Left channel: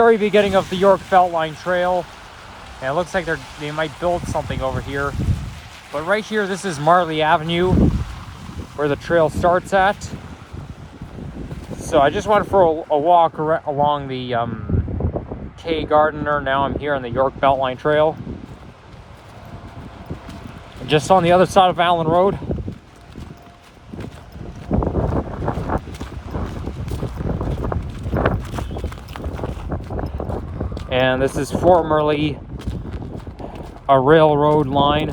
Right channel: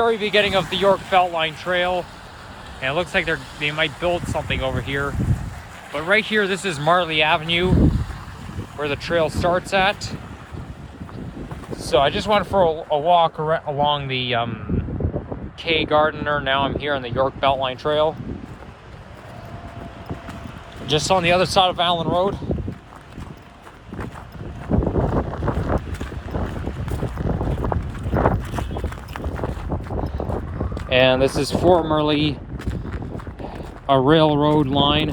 very beginning of the York Beltline Trail. And it looks like they might build something over here. But right here, this is Marlee Avenue, where the trail starts at. So I just went for a walk along the K Gardiner. Now I'm here on the York Beltline Trail. Just on the other side of Allen Road. And this is formerly a railroad line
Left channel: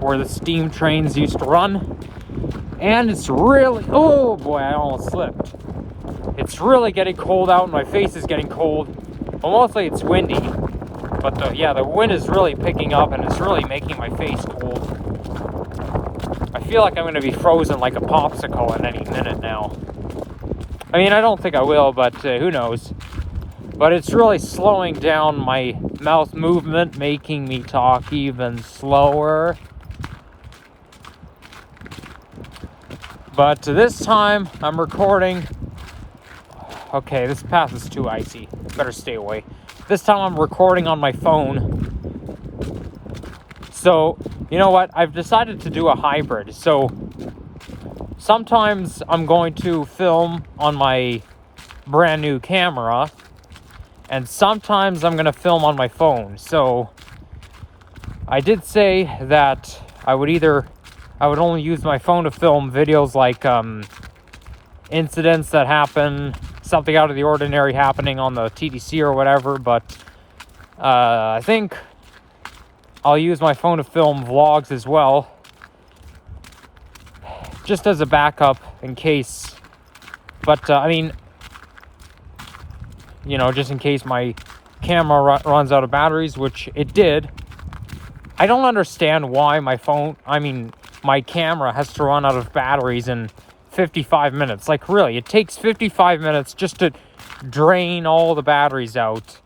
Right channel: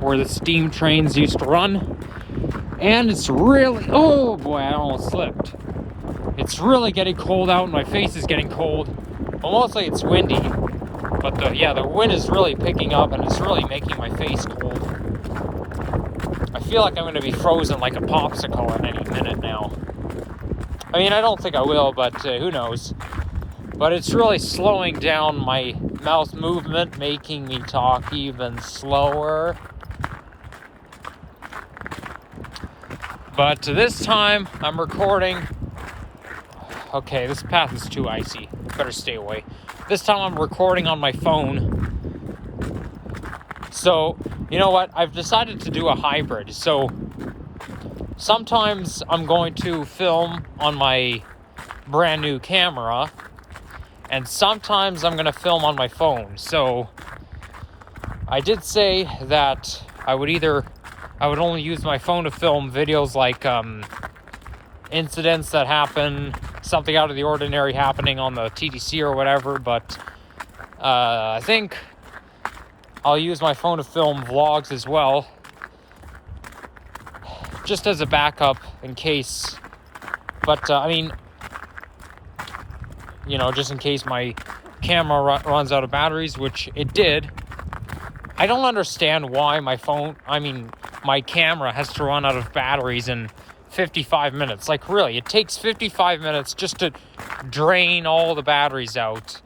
where the steam trains used to run. And it's really, oh boy, I almost slipped. It's really getting cold out and my face is getting cold. Well, mostly it's windy, but the wind is really picking up and it's really making my face cold. I feel like I'm going to be frozen like a popsicle in any minute now. I mean, I don't think I will, but who knows. But it's really slowing down my mouth movement, making me talk even slower. But this time, I'm recording. Okay, this path is too icy. Better stay away. This time I'm recording on my phone. So, you know what? I've decided to do a hybrid. So, sometimes I'm going to film on my brand new camera. And sometimes I'm going to film on my phone. So, I did say that I would only use my phone to film videos like incidents that happen, something out of the ordinary happening on the TDC or whatever, but I think I'll use my phone to film vlogs as well, just as a backup in case. But I mean, you know, just in case my camera runs out of batteries, which it did. I don't understand why my camera has to run out of batteries in 55 minutes. Like, really, it takes 55 minutes just to drain all the batteries out.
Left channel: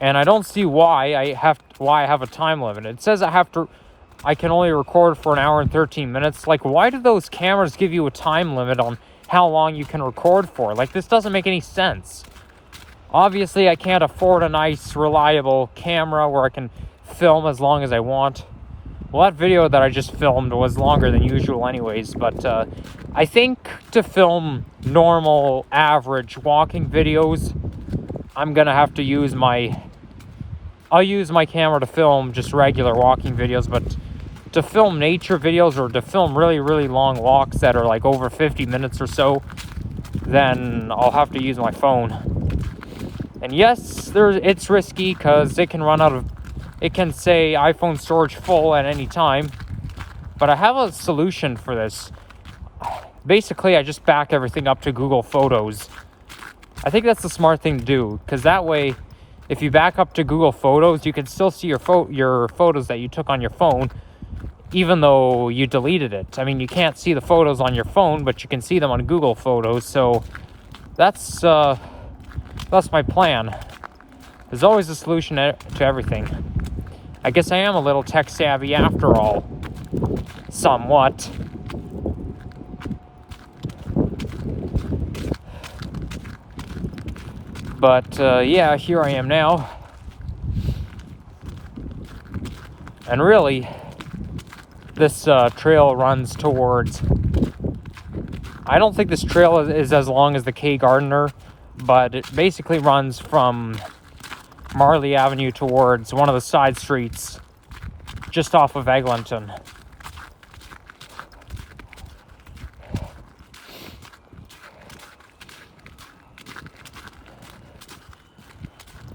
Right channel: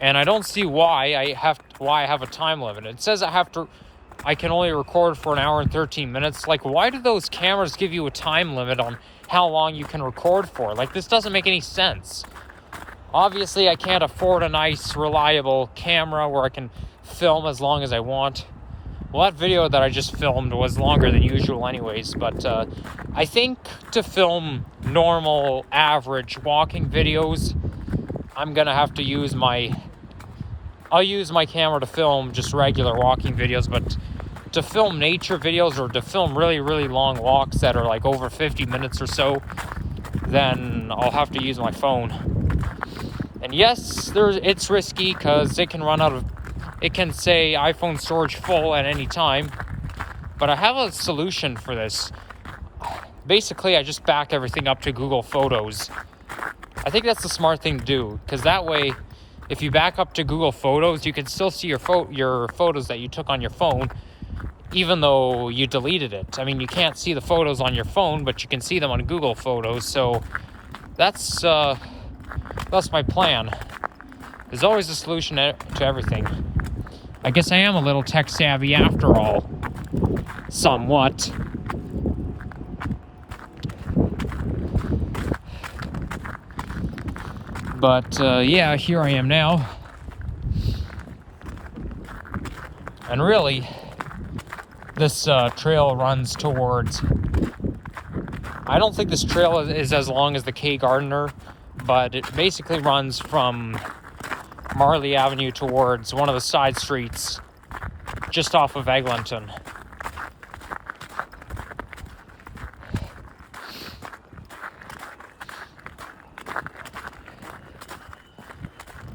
And I don't see why I have a time limit. It says I can only record for an hour and 13 minutes. Like, why do those cameras give you a time limit on how long you can record for? Like, this doesn't make any sense. Obviously, I can't afford a nice, reliable camera where I can film as long as I want. Well, that video that I just filmed was longer than usual anyways, but I think to film normal, average walking videos, I'm gonna have to use I'll use my camera to film just regular walking videos, but to film nature videos or to film really, really long walks that are like over 50 minutes or so, then I'll have to use my phone. And yes, it's risky because it can say iPhone storage full at any time, but I have a solution for this. Basically, I just back everything up to Google Photos. I think that's the smart thing to do, because that way, if you back up to Google Photos, you can still see your photos that you took on your phone, even though you deleted it. I mean, you can't see the photos on your phone, but you can see them on Google Photos. So that's my plan. There's always a solution to everything. I guess I am a little tech savvy after all, somewhat. But yeah, here I am now. And really, this trail runs towards, I don't think this trail is as long as the K Gardiner, but it basically runs from Marlee Avenue towards one of the side streets just off of Eglinton.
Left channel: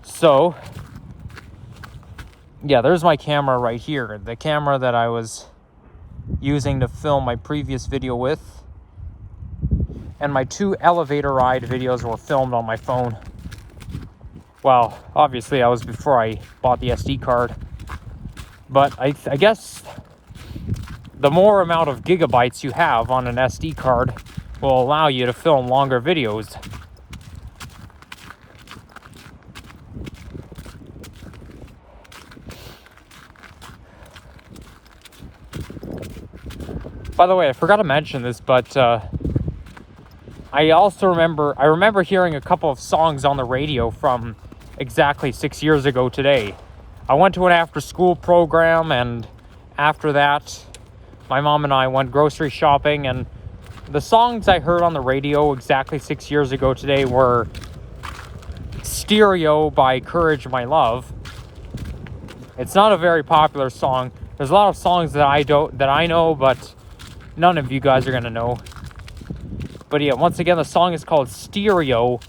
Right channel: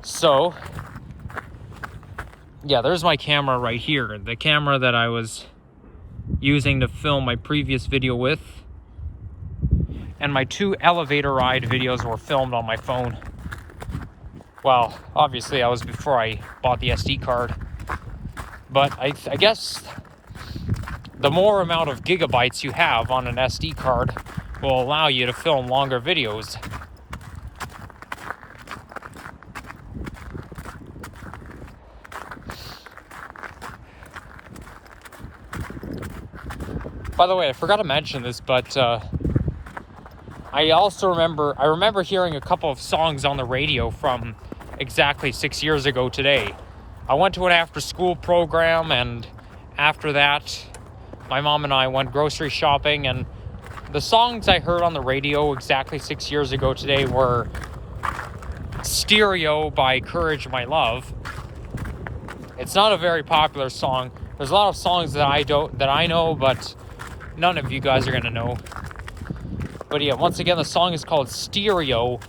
So, yeah, there's my camera right here. The camera that I was using to film my previous video with. And my 2 elevator ride videos were filmed on my phone. Well, obviously I was before I bought the SD card. But I guess the more amount of gigabytes you have on an SD card will allow you to film longer videos. By the way, I forgot to mention this, but I remember hearing a couple of songs on the radio from exactly 6 years ago today. I went to an after-school program, and after that, my mom and I went grocery shopping, and the songs I heard on the radio exactly 6 years ago today were Stereo by Courage My Love. It's not a very popular song. There's a lot of songs that I know, but none of you guys are gonna know. But yeah, once again, the song is called Stereo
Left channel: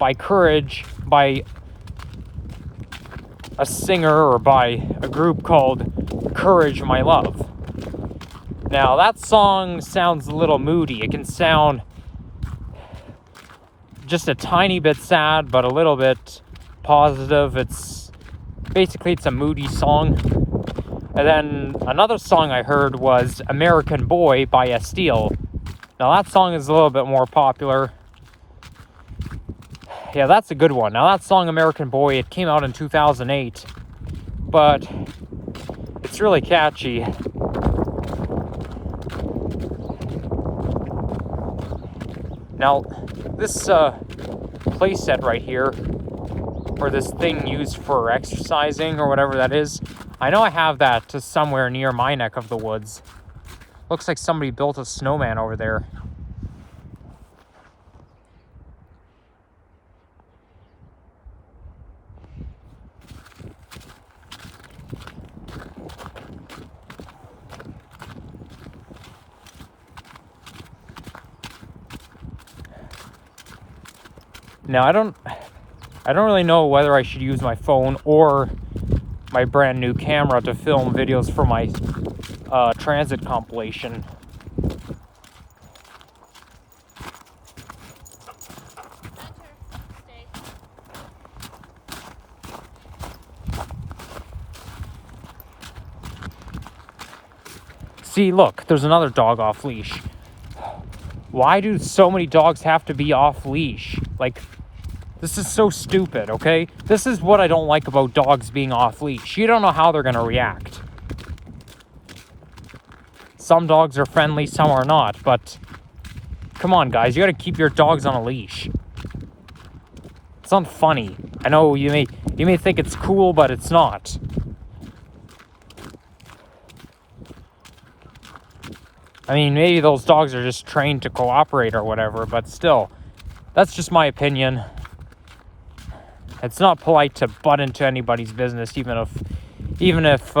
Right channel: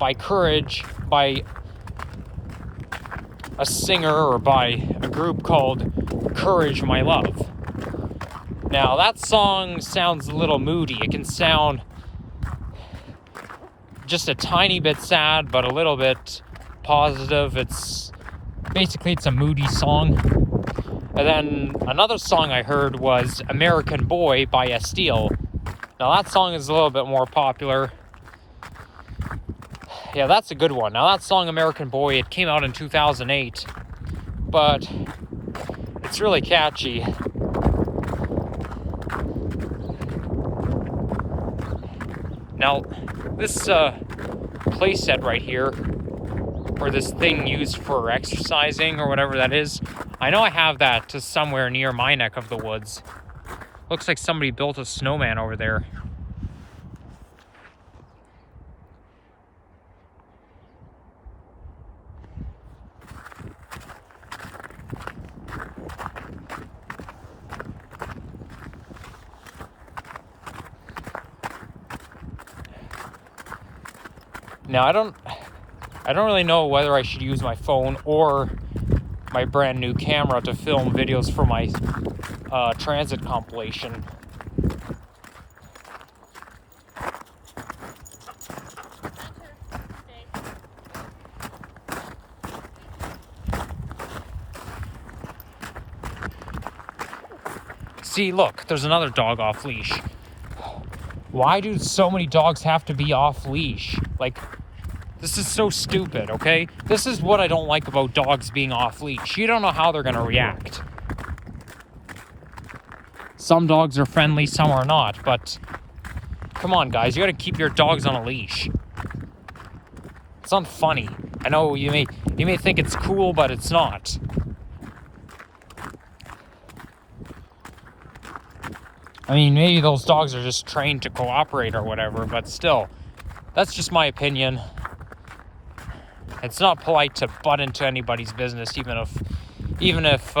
by Courage, by a singer or by a group called Courage My Love. Now, that song sounds a little moody. It can sound just a tiny bit sad, but a little bit positive. It's a moody song. And then another song I heard was American Boy by Estelle. Now, that song is a little bit more popular. Yeah, that's a good one. Now, that song, American Boy, it came out in 2008, but it's really catchy. Now, this playset right here, or this thing used for exercising or whatever that is, I know I have that to somewhere near my neck of the woods. Looks like somebody built a snowman over there. Now, I don't really know whether I should use my phone or my brand new camera to film videos for my transit compilation. See, look, there's another dog off leash. Why do so many dogs have to be off leash? Like, this is so stupid, okay? This is what I don't like about dogs being off leash. You don't know how they're gonna react. Some dogs are friendly, some are not, but come on, guys, you gotta keep your dogs on a leash. It's not funny. I know you may think it's cool, but it's not. I mean, maybe those dogs are just trained to cooperate or whatever, but still, that's just my opinion. It's not polite to butt into anybody's business, even if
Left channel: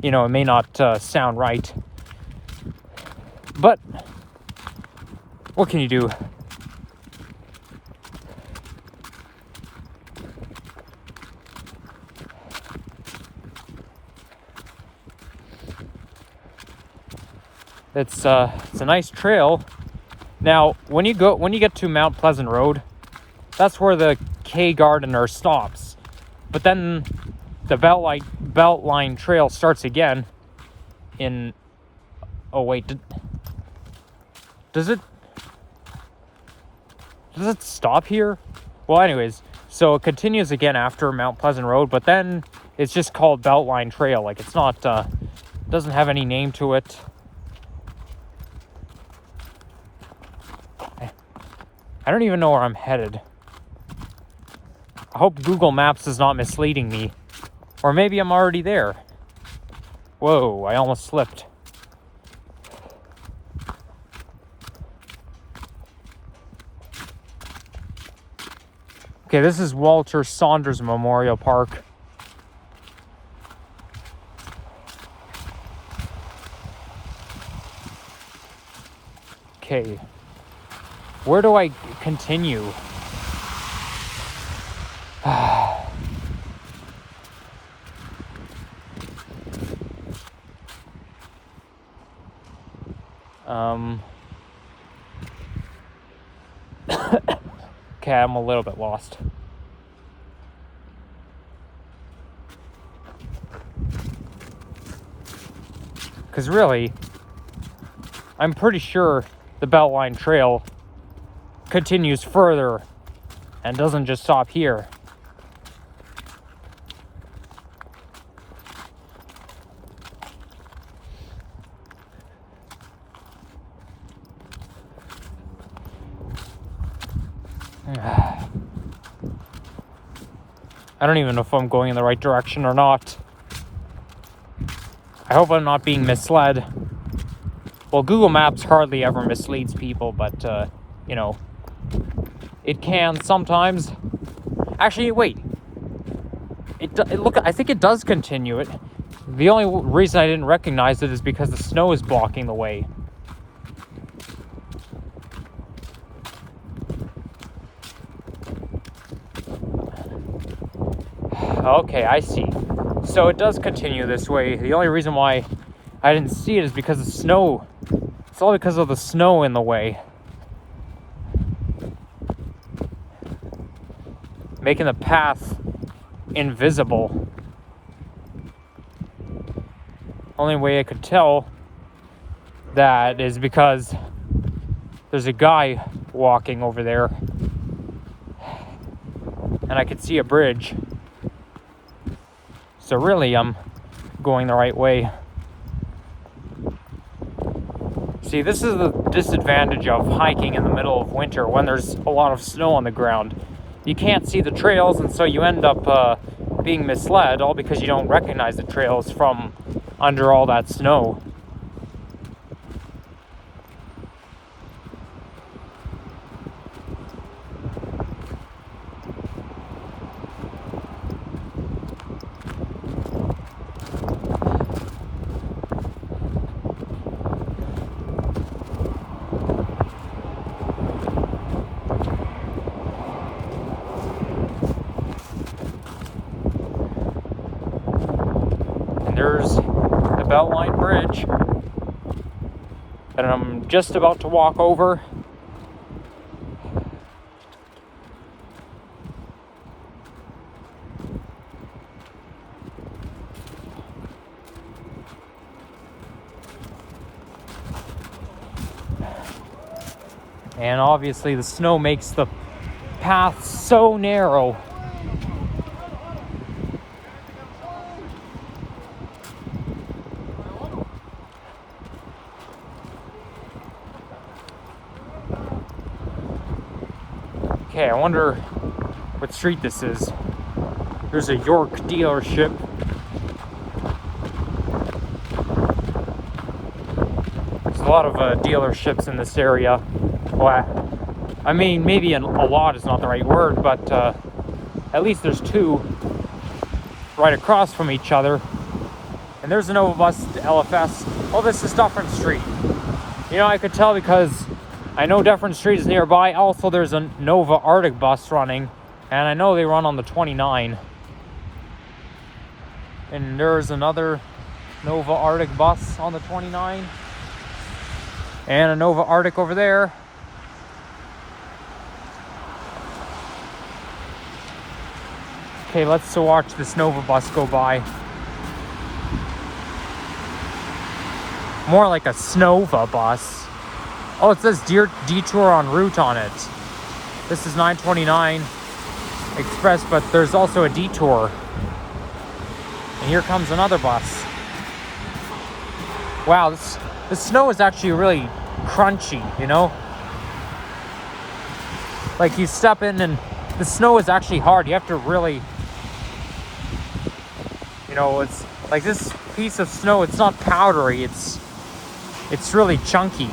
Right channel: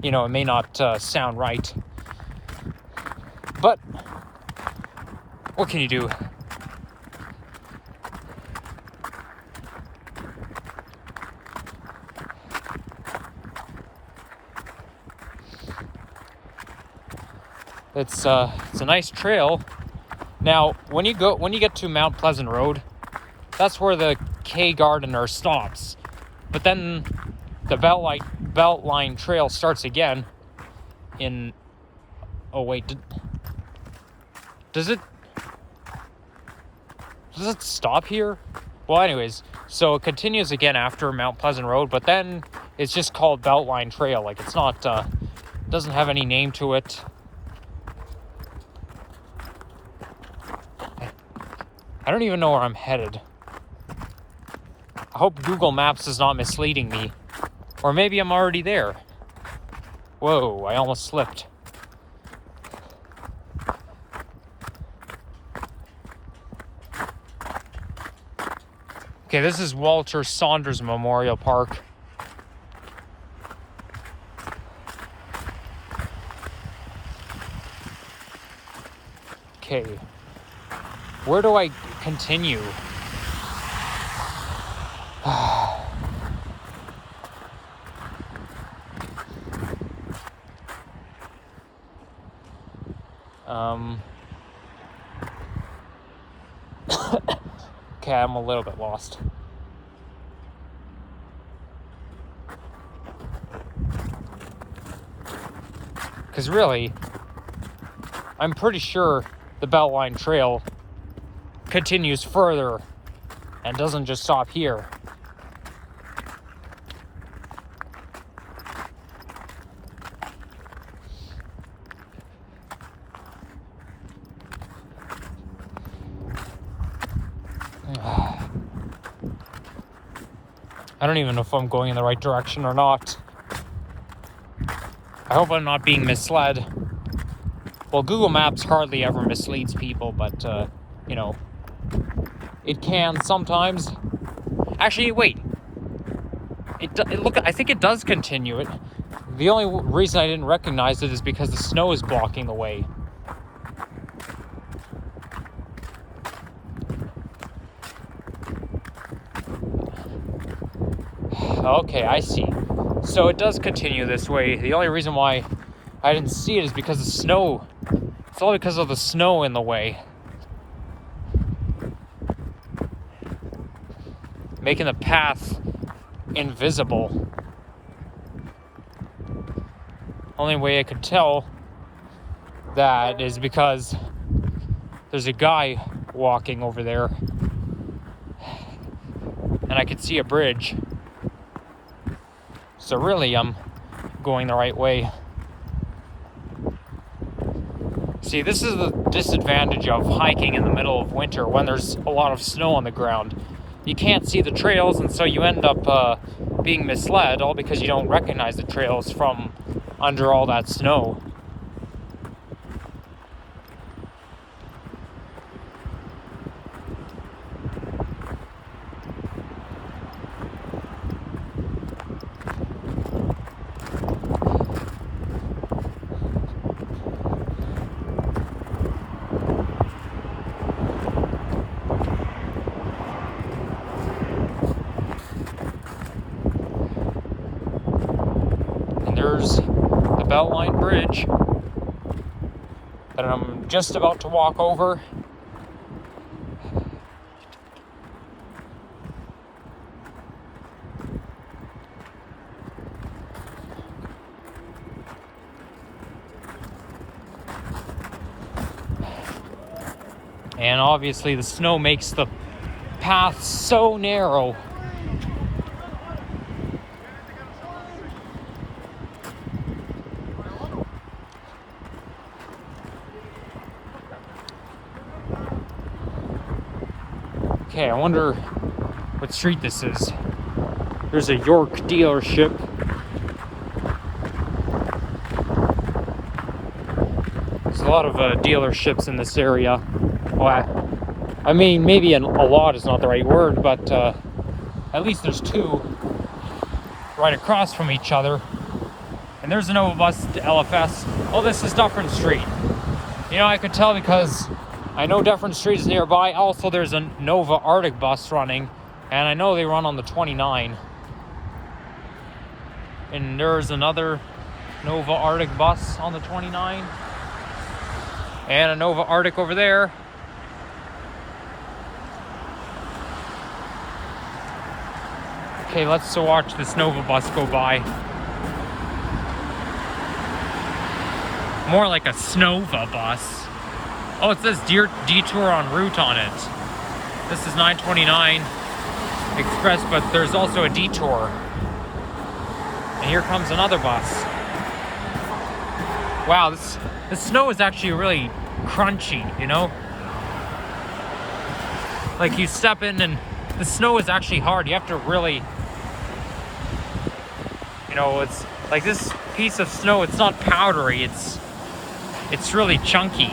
you know, it may not sound right. But what can you do? It's a nice trail. Now, when you get to Mount Pleasant Road, that's where the K Gardener stops. But then the Beltline trail starts again in... Oh wait, does it stop here? Well, anyways, so it continues again after Mount Pleasant Road, but then it's just called Beltline Trail. Like, it's not doesn't have any name to it. I don't even know where I'm headed. I hope Google Maps is not misleading me. Or maybe I'm already there. Whoa, I almost slipped. Okay, this is Walter Saunders Memorial Park. Okay. Where do I continue? Okay, I'm a little bit lost. Because really, I'm pretty sure the Beltline Trail continues further and doesn't just stop here. I don't even know if I'm going in the right direction or not. I hope I'm not being misled. Well, Google Maps hardly ever misleads people, but, you know, it can sometimes. Actually, wait. Look, I think it does continue it. The only reason I didn't recognize it is because the snow is blocking the way. Okay, I see. So it does continue this way. The only reason why I didn't see it is because the snow. It's all because of the snow in the way. Making the path invisible. Only way I could tell that is because there's a guy walking over there. And I could see a bridge. So really, I'm going the right way. See, this is the disadvantage of hiking in the middle of winter when there's a lot of snow on the ground. You can't see the trails, and so you end up being misled, all because you don't recognize the trails from under all that snow. There's the Beltline bridge that I'm just about to walk over. And obviously the snow makes the path so narrow. Okay, I wonder what street this is. There's a York dealership. There's a lot of dealerships in this area. Well, I mean, maybe a lot is not the right word, but at least there's two right across from each other. And there's a Nova bus to LFS. Oh, this is Dufferin Street. You know, I could tell because I know Dufferin Street is nearby. Also, there's a Nova Arctic bus running, and I know they run on the 29. And there's another Nova Arctic bus on the 29. And a Nova Arctic over there. Okay, let's watch this Nova bus go by. More like a Snova bus. Oh, it says detour en route on it. This is 929 Express, but there's also a detour. And here comes another bus. Wow, the snow is actually really crunchy, you know? Like you step in and the snow is actually hard. You have to really, you know, it's like this piece of snow, it's not powdery, it's really chunky.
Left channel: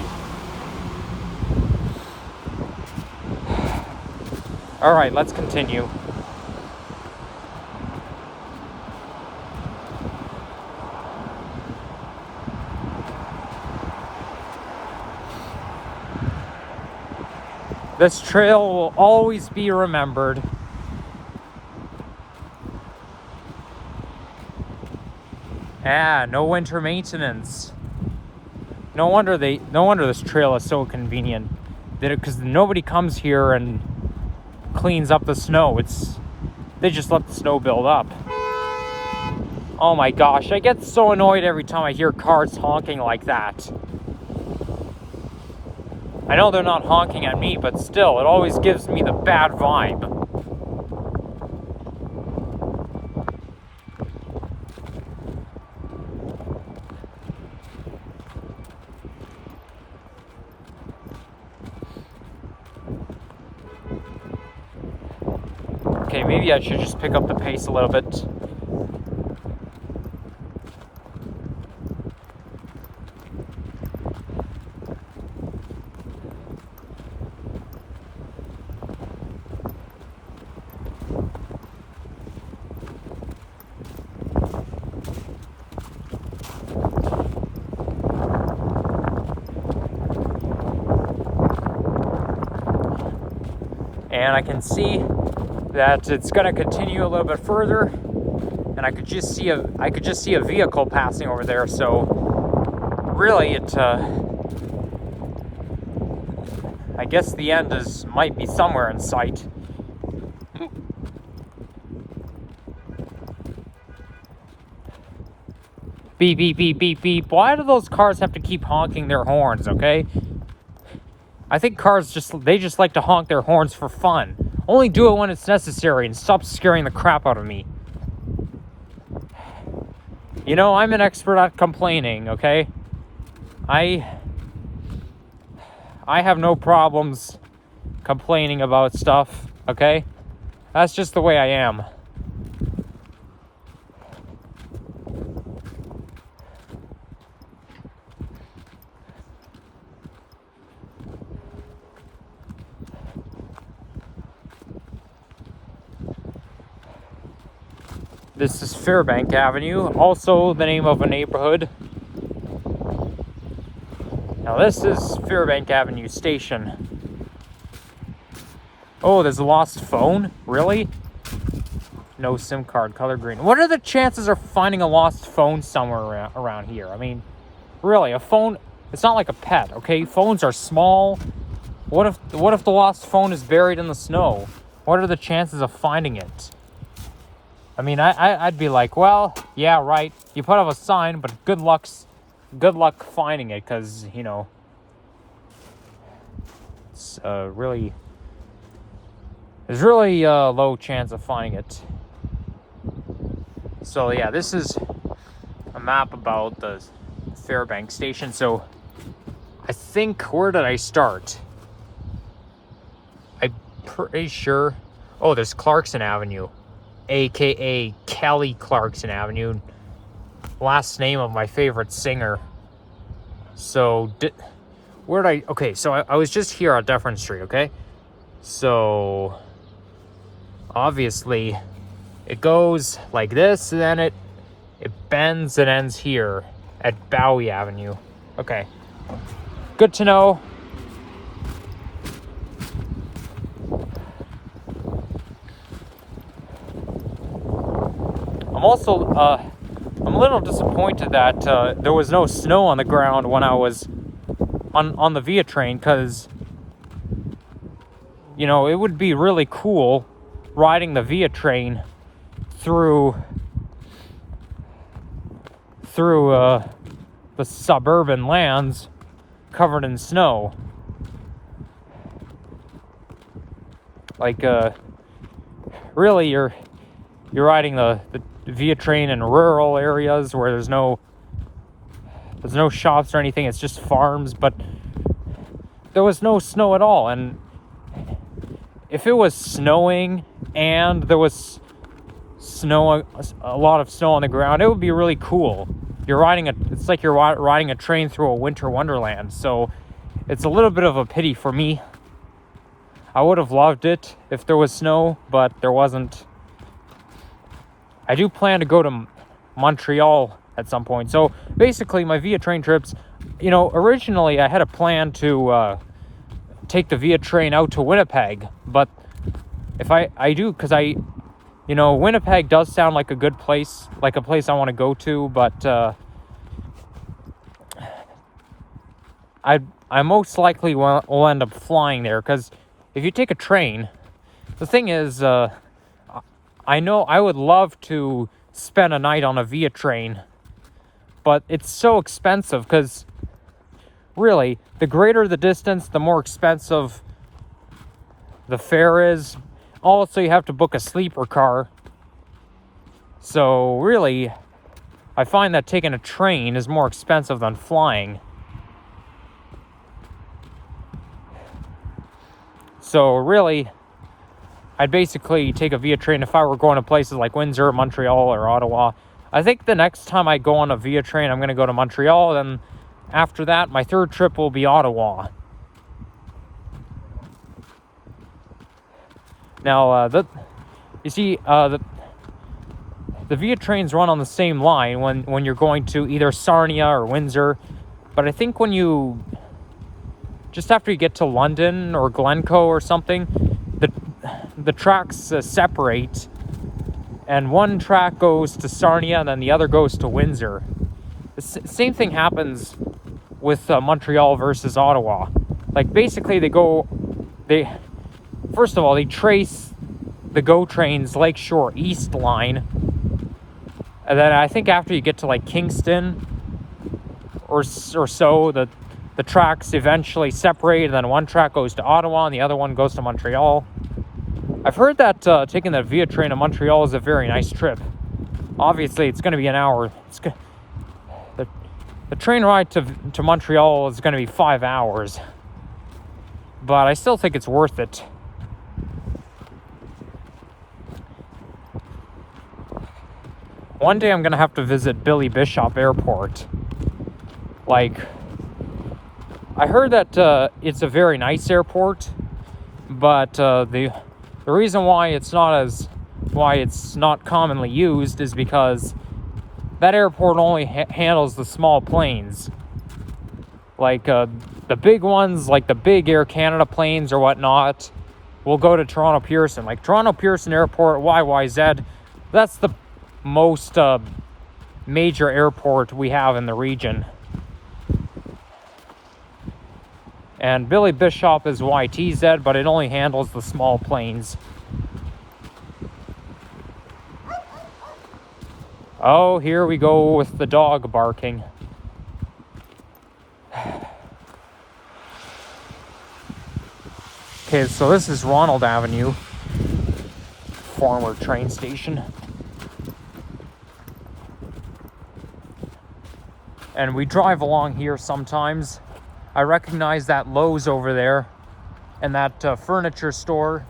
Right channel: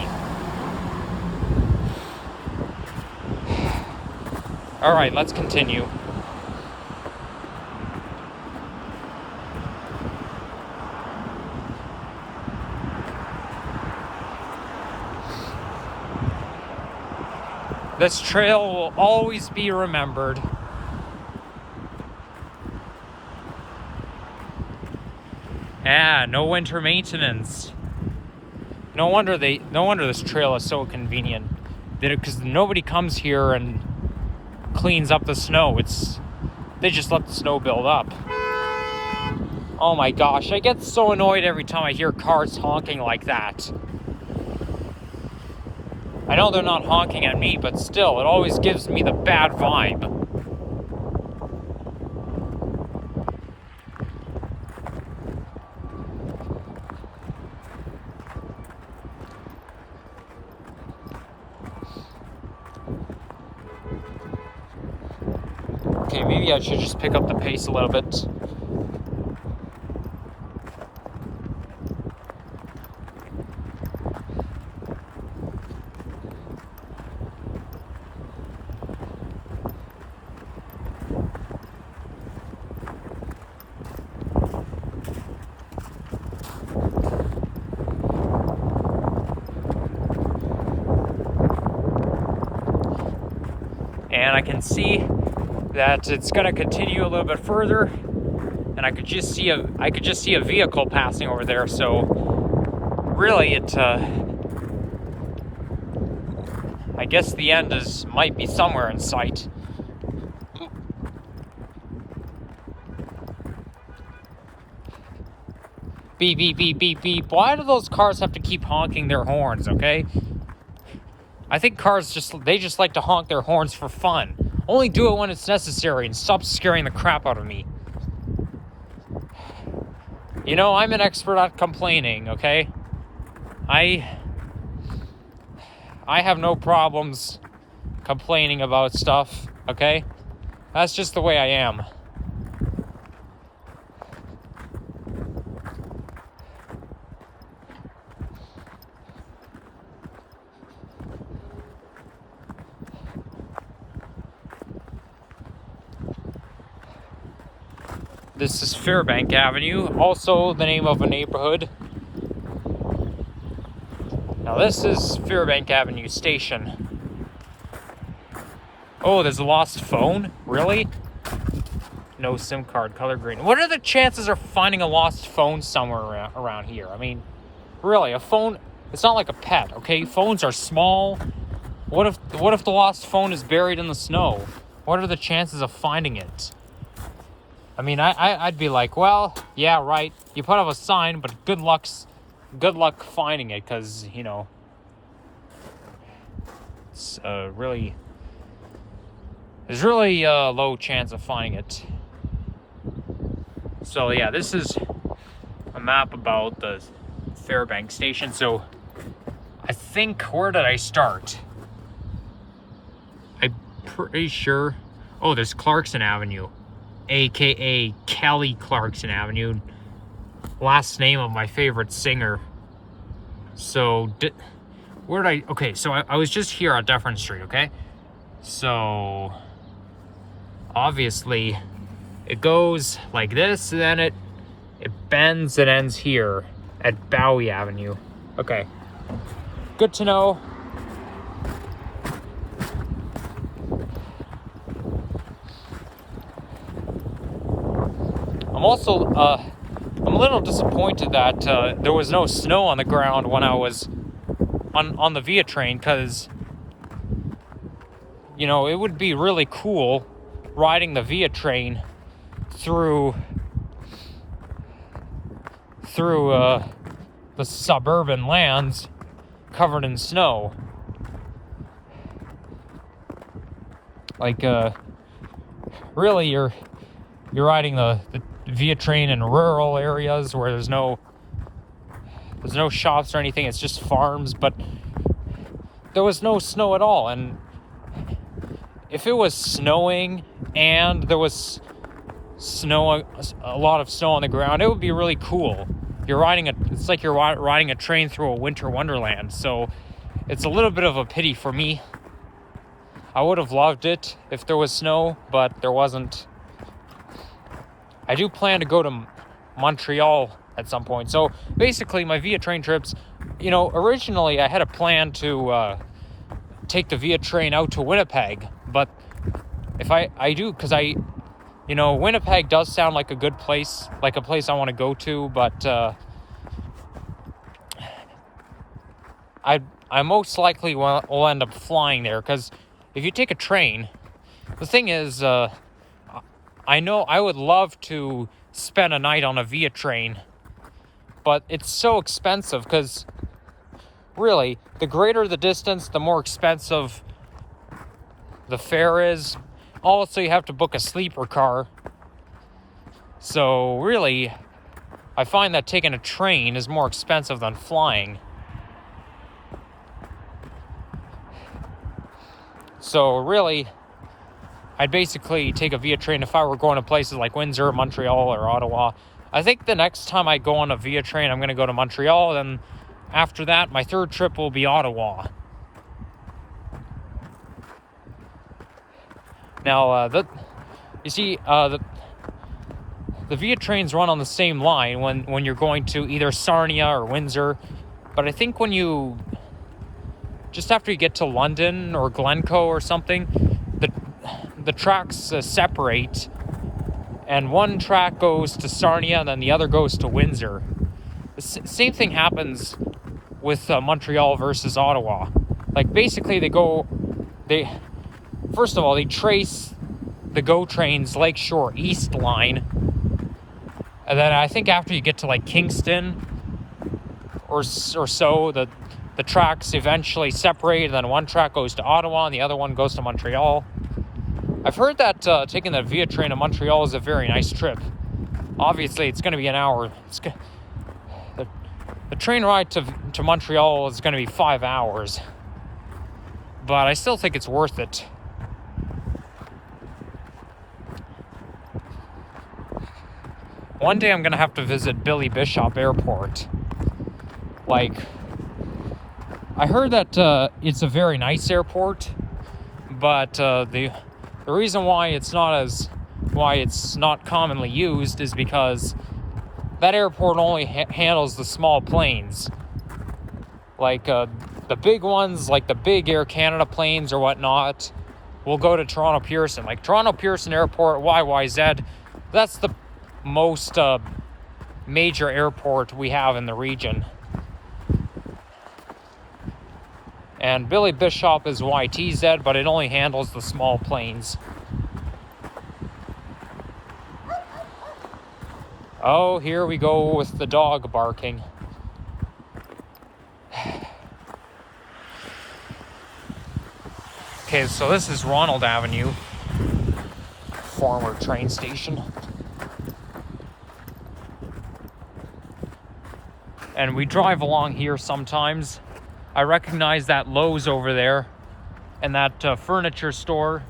All right, let's continue. This trail will always be remembered. Yeah, no winter maintenance. No wonder this trail is so convenient. Because nobody comes here and cleans up the snow. They just let the snow build up. Oh my gosh, I get so annoyed every time I hear cars honking like that. I know they're not honking at me, but still, it always gives me the bad vibe. Okay, maybe I should just pick up the pace a little bit. And I can see that it's going to continue a little bit further, and I could just see a vehicle passing over there. So really, I guess the end might be somewhere in sight. Beep, beep, beep, beep, beep. Why do those cars have to keep honking their horns, okay? I think cars just like to honk their horns for fun. Only do it when it's necessary and stop scaring the crap out of me. You know, I'm an expert at complaining, okay? I have no problems complaining about stuff, okay? That's just the way I am. This is Fairbank Avenue, also the name of a neighborhood. Now this is Fairbank Avenue Station. Oh, there's a lost phone? Really? No SIM card, color green. What are the chances of finding a lost phone somewhere around here? I mean, really, a phone, it's not like a pet, okay? Phones are small. What if the lost phone is buried in the snow? What are the chances of finding it? I mean, I'd be like, well, yeah, right. You put up a sign, but good luck finding it, because, you know, it's there's really a low chance of finding it. So yeah, this is a map about the Fairbank station. So I think, where did I start? I'm pretty sure. Oh, there's Clarkson Avenue, aka Kelly Clarkson Avenue, last name of my favorite singer. So where did I, okay, so I was just here on Dufferin Street, okay? So obviously it goes like this, and then it bends and ends here at Bowie Avenue. Okay, good to know. I'm also I'm a little disappointed that there was no snow on the ground when I was on the Via train, because, you know, it would be really cool riding the Via train through the suburban lands covered in snow. Like, really, you're riding the Via train in rural areas where there's no shops or anything. It's just farms. But there was no snow at all, and if it was snowing and there was a lot of snow on the ground, it would be really cool. It's like you're riding a train through a winter wonderland. So it's a little bit of a pity for me. I would have loved it if there was snow, but there wasn't. I do plan to go to Montreal at some point. So basically, my Via train trips, you know, originally I had a plan to take the Via train out to Winnipeg, but if I do, because you know, Winnipeg does sound like a good place, like a place I want to go to, but I most likely will end up flying there, because if you take a train, the thing is, I know I would love to spend a night on a Via train, but it's so expensive, because really, the greater the distance, the more expensive the fare is. Also, you have to book a sleeper car. So really, I find that taking a train is more expensive than flying. So really, I'd basically take a via train if I were going to places like Windsor, Montreal, or Ottawa. I think the next time I go on a via train, I'm going to go to Montreal. Then after that, my third trip will be Ottawa. Now, you see, the via trains run on the same line when you're going to either Sarnia or Windsor. But I think when you, just after you get to London or Glencoe or something, the tracks separate, and one track goes to Sarnia and then the other goes to Windsor. The same thing happens with Montreal versus Ottawa. Like, basically first of all, they trace the GO train's Lakeshore East line, and then I think after you get to like Kingston or so, the tracks eventually separate, and then one track goes to Ottawa and the other one goes to Montreal. I've heard that taking the via train to Montreal is a very nice trip. Obviously, it's going to be an hour. The train ride to Montreal is going to be 5 hours, but I still think it's worth it. One day I'm going to have to visit Billy Bishop Airport. Like, I heard that it's a very nice airport, but the reason why it's not commonly used is because that airport only handles the small planes. Like the big ones, like the big Air Canada planes or whatnot, will go to Toronto Pearson. Like Toronto Pearson Airport, YYZ, that's the most major airport we have in the region. And Billy Bishop is YTZ, but it only handles the small planes. Oh, here we go with the dog barking. Okay, so this is Ronald Avenue, former train station. And we drive along here sometimes. I recognize that Lowe's over there and that furniture store.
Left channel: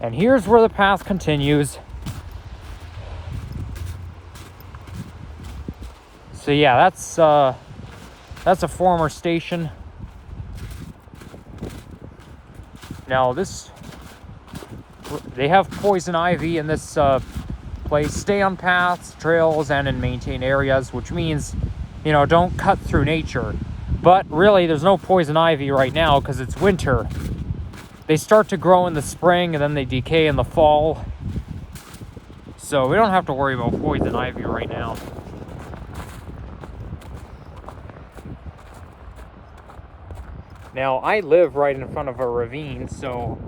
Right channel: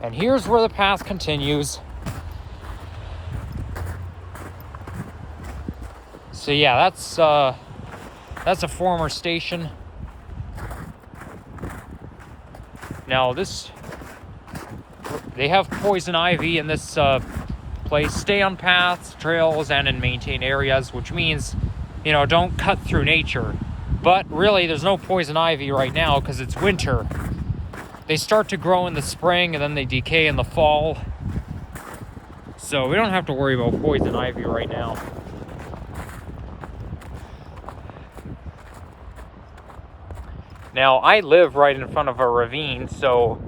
And here's where the path continues. So yeah, that's a former station. Now they have poison ivy in this place. Stay on paths, trails, and in maintained areas, which means, you know, don't cut through nature. But really, there's no poison ivy right now because it's winter. They start to grow in the spring and then they decay in the fall. So we don't have to worry about poison ivy right now. Now, I live right in front of a ravine, so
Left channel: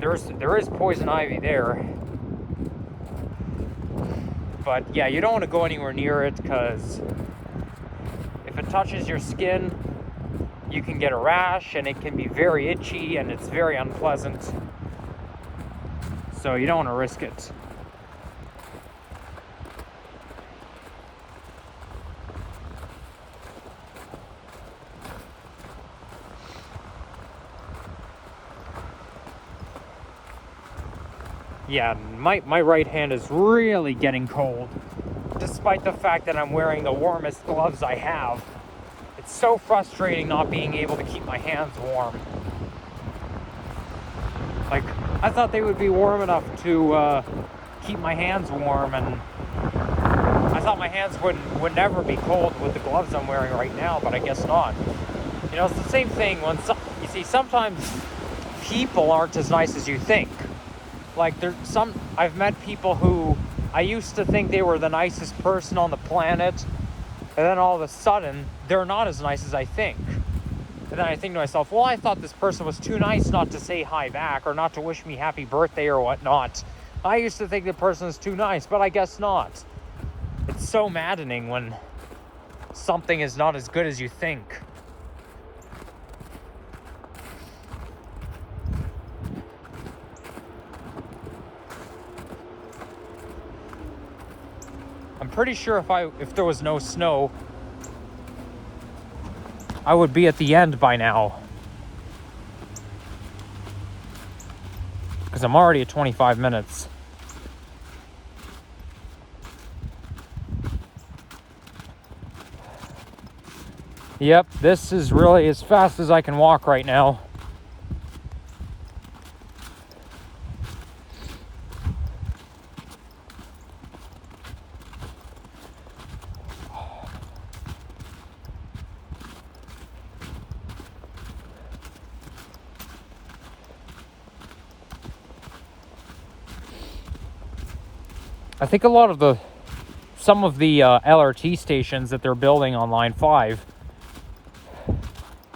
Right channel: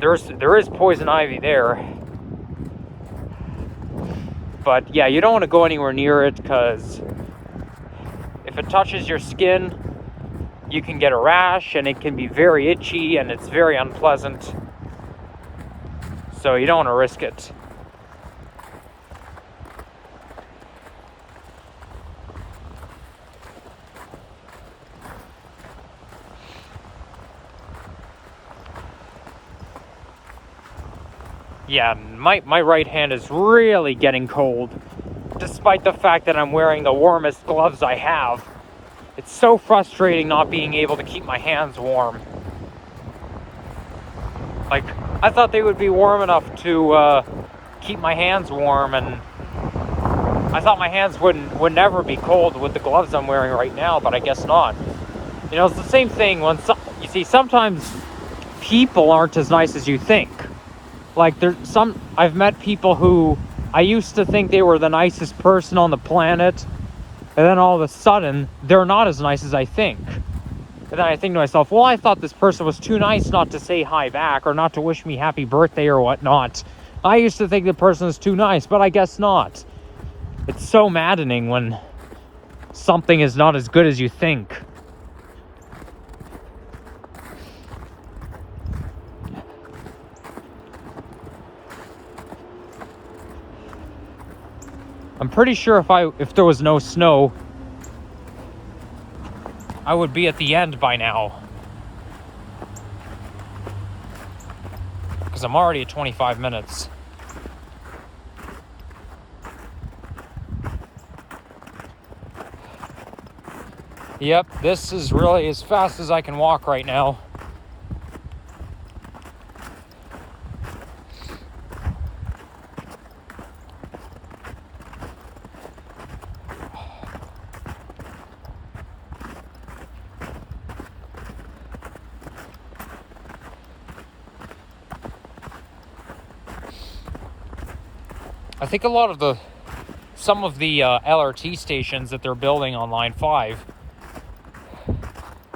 there is poison ivy there. But yeah, you don't want to go anywhere near it because if it touches your skin, you can get a rash and it can be very itchy and it's very unpleasant. So you don't want to risk it. Yeah, my right hand is really getting cold, despite the fact that I'm wearing the warmest gloves I have. It's so frustrating not being able to keep my hands warm. Like, I thought they would be warm enough to keep my hands warm, and I thought my hands would never be cold with the gloves I'm wearing right now, but I guess not. You know, it's the same thing when you see, sometimes people aren't as nice as you think. Like, I've met people who I used to think they were the nicest person on the planet, and then all of a sudden, they're not as nice as I think. And then I think to myself, well, I thought this person was too nice not to say hi back, or not to wish me happy birthday or whatnot. I used to think the person was too nice, but I guess not. It's so maddening when something is not as good as you think. I'm pretty sure if there was no snow, I would be at the end by now. because I'm already at 25 minutes. Yep, this is really as fast as I can walk right now. I think a lot of some of the LRT stations that they're building on Line 5,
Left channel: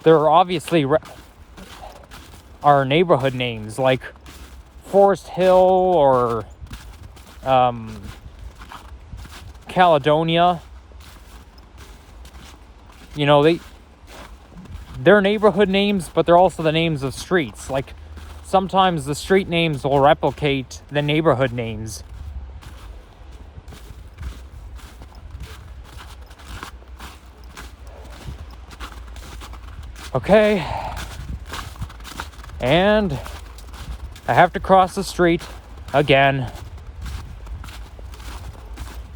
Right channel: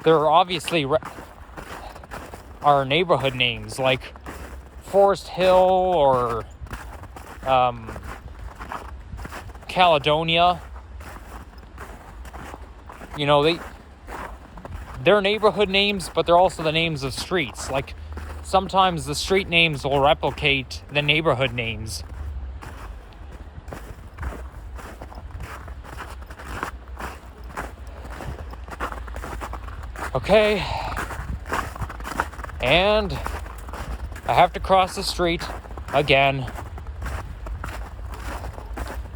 they're obviously are neighborhood names like Forest Hill or Caledonia. You know, they're neighborhood names, but they're also the names of streets. Like, sometimes the street names will replicate the neighborhood names. Okay, and I have to cross the street again.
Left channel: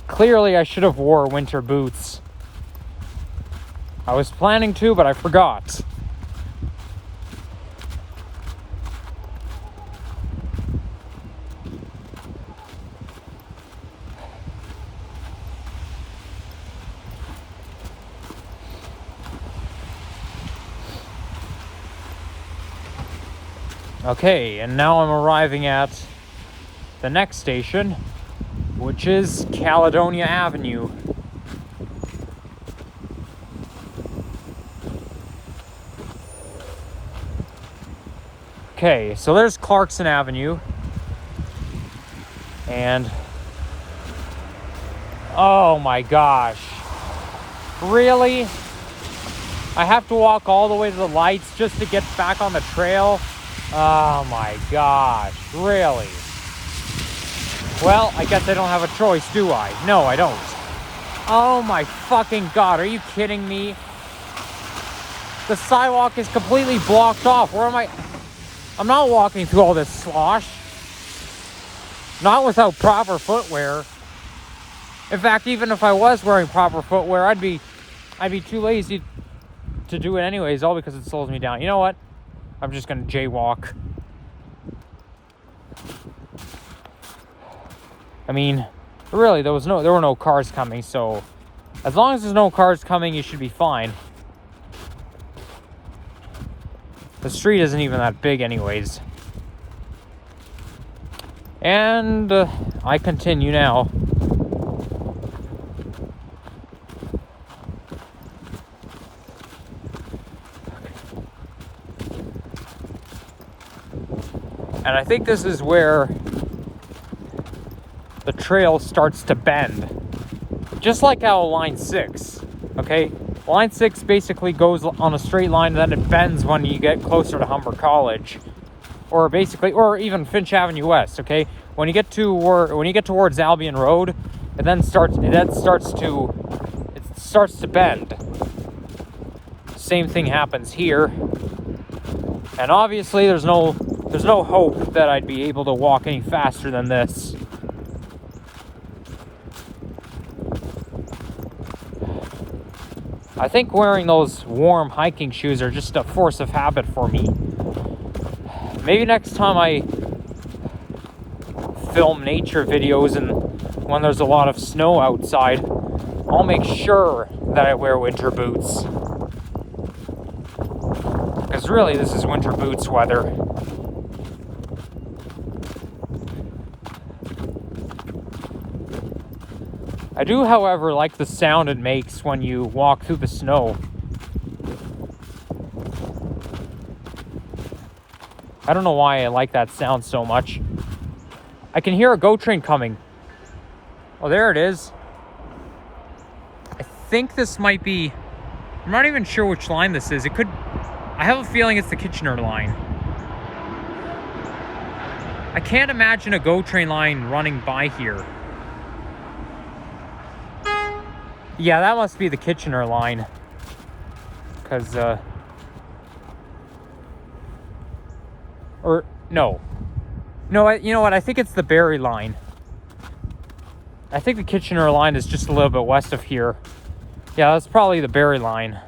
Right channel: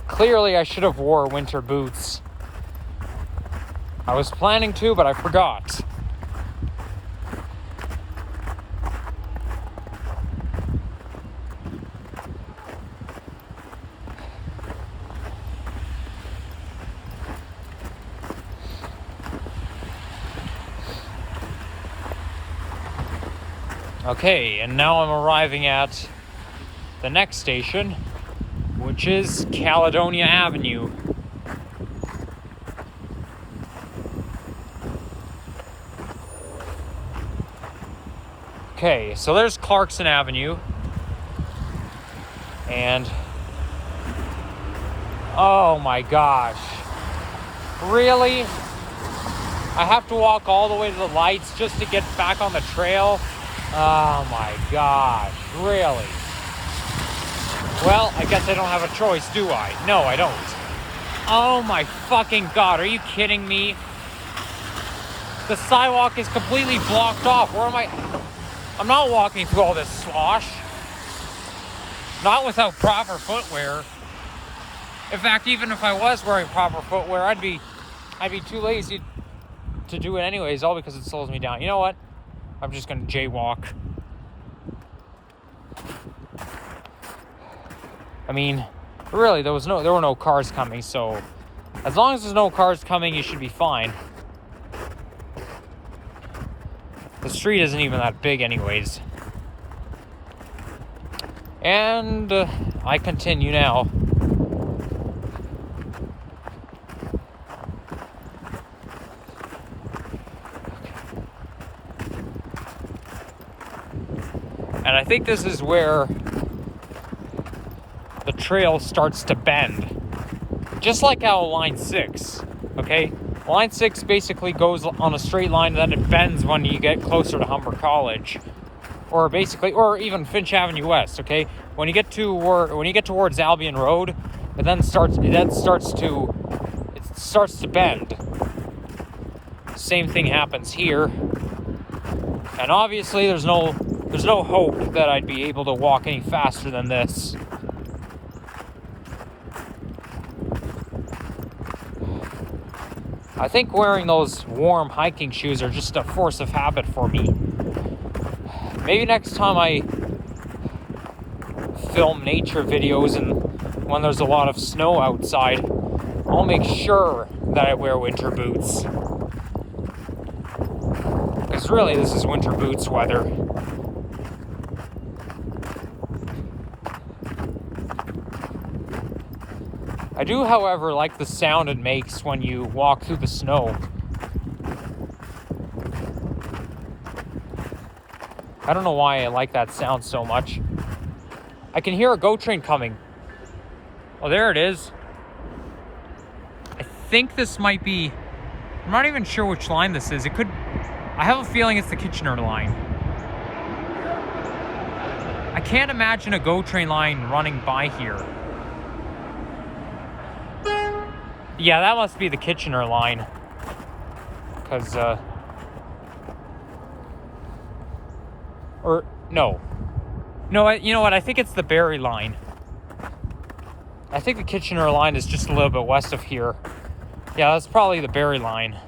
Clearly, I should have wore winter boots. I was planning to, but I forgot. Okay, and now I'm arriving at the next station, which is Caledonia Avenue. Okay, so there's Clarkson Avenue, and oh my gosh, really? I have to walk all the way to the lights just to get back on the trail? Oh my gosh, really? Well, I guess I don't have a choice, do I? No, I don't. Oh my fucking god, are you kidding me? The sidewalk is completely blocked off. Where am I? I'm not walking through all this slosh. Not without proper footwear. In fact, even if I was wearing proper footwear, I'd be too lazy to do it anyways, all because it slows me down. You know what? I'm just gonna jaywalk. I mean, really, there were no cars coming, so as long as there's no cars coming, you should be fine. The street isn't even that big anyways. And I continue now. And I think this is where the trail starts to bend. Just like how Line 6, okay? Line 6 basically goes on a straight line, and then it bends when you get closer to Humber College. Or even Finch Avenue West, okay? When you get towards Albion Road, it starts to bend. Same thing happens here. And obviously there's no hope that I'd be able to walk any faster than this. I think wearing those warm hiking shoes are just a force of habit for me. Maybe next time I film nature videos and when there's a lot of snow outside, I'll make sure that I wear winter boots. Because really, this is winter boots weather. I do, however, like the sound it makes when you walk through the snow. I don't know why I like that sound so much. I can hear a GO train coming. Oh, there it is. I think this might be... I'm not even sure which line this is. It could... I have a feeling it's the Kitchener line. I can't imagine a GO train line running by here. Yeah, that must be the Kitchener line. Because, or, no. No, you know what? I think it's the Barrie line. I think the Kitchener line is just a little bit west of here. Yeah, that's probably the Barrie line.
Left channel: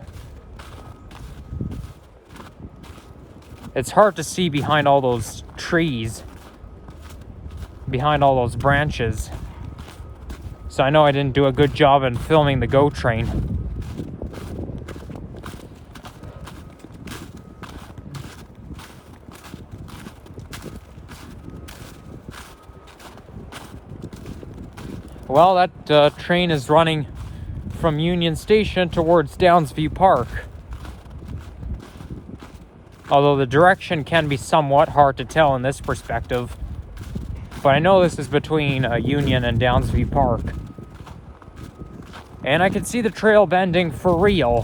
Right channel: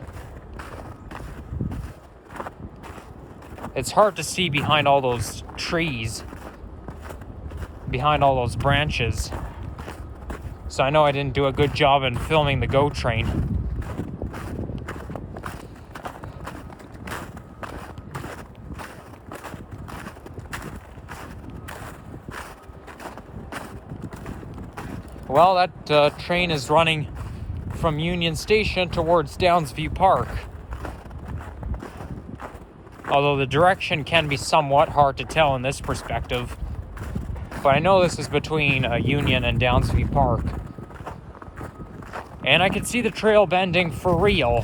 It's hard to see behind all those trees, behind all those branches. So I know I didn't do a good job in filming the GO train. Well, that train is running from Union Station towards Downsview Park. Although the direction can be somewhat hard to tell in this perspective. But I know this is between Union and Downsview Park. And I can see the trail bending for real.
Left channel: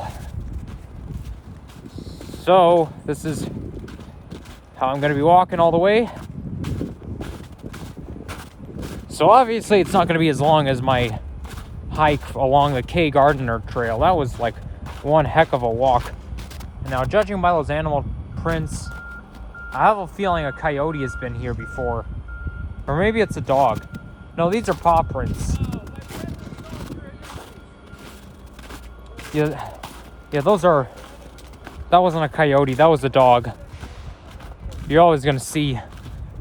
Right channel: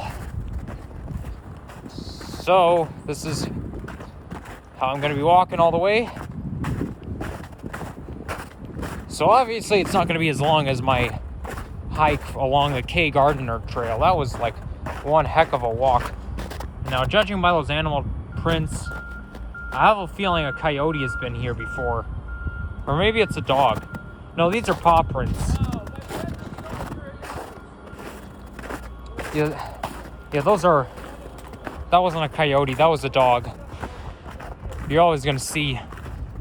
So, this is how I'm going to be walking all the way. So obviously it's not going to be as long as my hike along the K. Gardiner Trail. That was like one heck of a walk. Now, judging by those animal prints, I have a feeling a coyote has been here before. Or maybe it's a dog. No, these are paw prints. Yeah, those are... That wasn't a coyote, that was a dog. You're always gonna see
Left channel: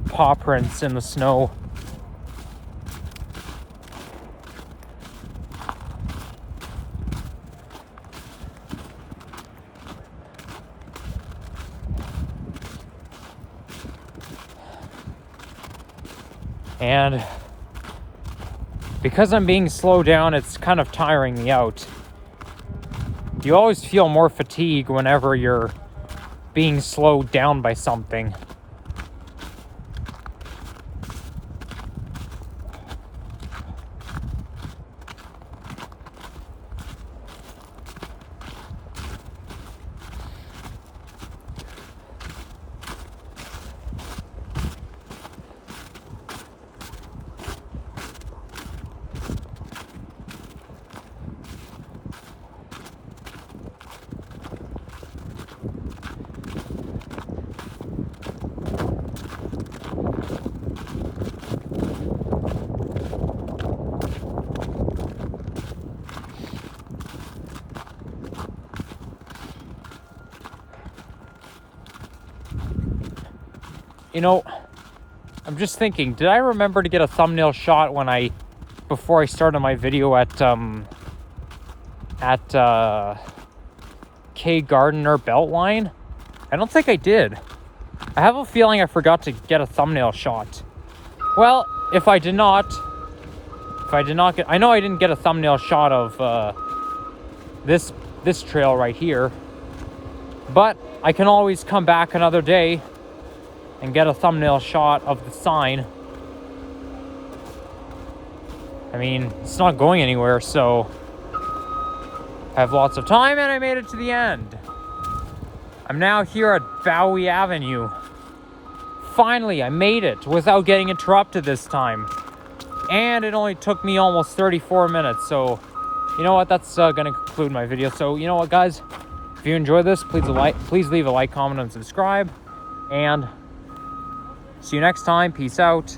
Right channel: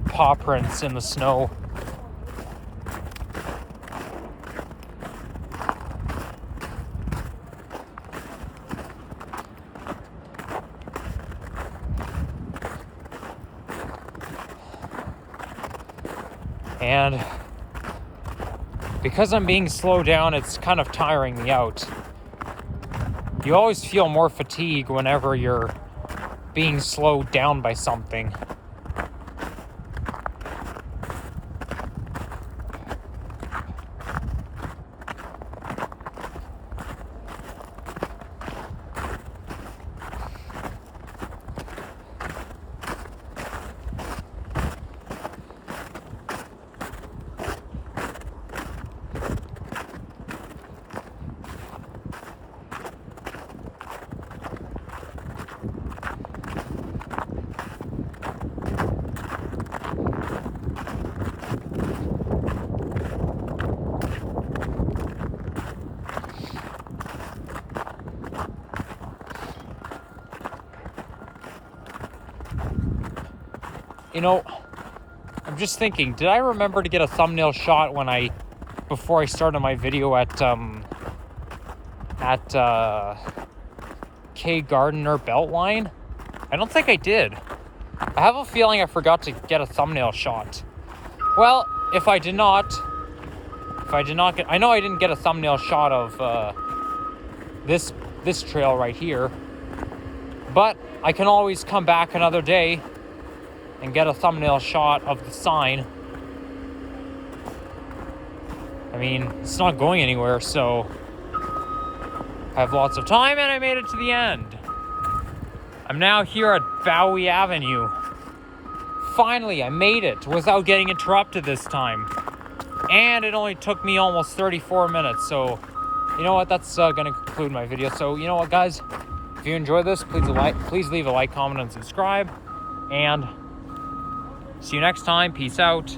paw prints in the snow. And because I'm being slowed down, it's kind of tiring me out. You always feel more fatigue whenever you're being slowed down by something. You know, I'm just thinking, did I remember to get a thumbnail shot when before I started my video at K. Gardiner Beltline? I don't think I did. I have a feeling I forgot to get a thumbnail shot. Well, if I did not get, I know I didn't get a thumbnail shot of this trail right here, but I can always come back another day and get a thumbnail shot of the sign. I mean, it's not going anywhere, so I have lots of time, and I made it to the end. I'm now here at Bowie Avenue. Finally, I made it without getting interrupted this time. And it only took me almost 34 minutes, so you know what, that's gonna conclude my video. So you know what, guys, if you enjoyed this, please leave a like, comment, and subscribe, and see you next time. Peace out.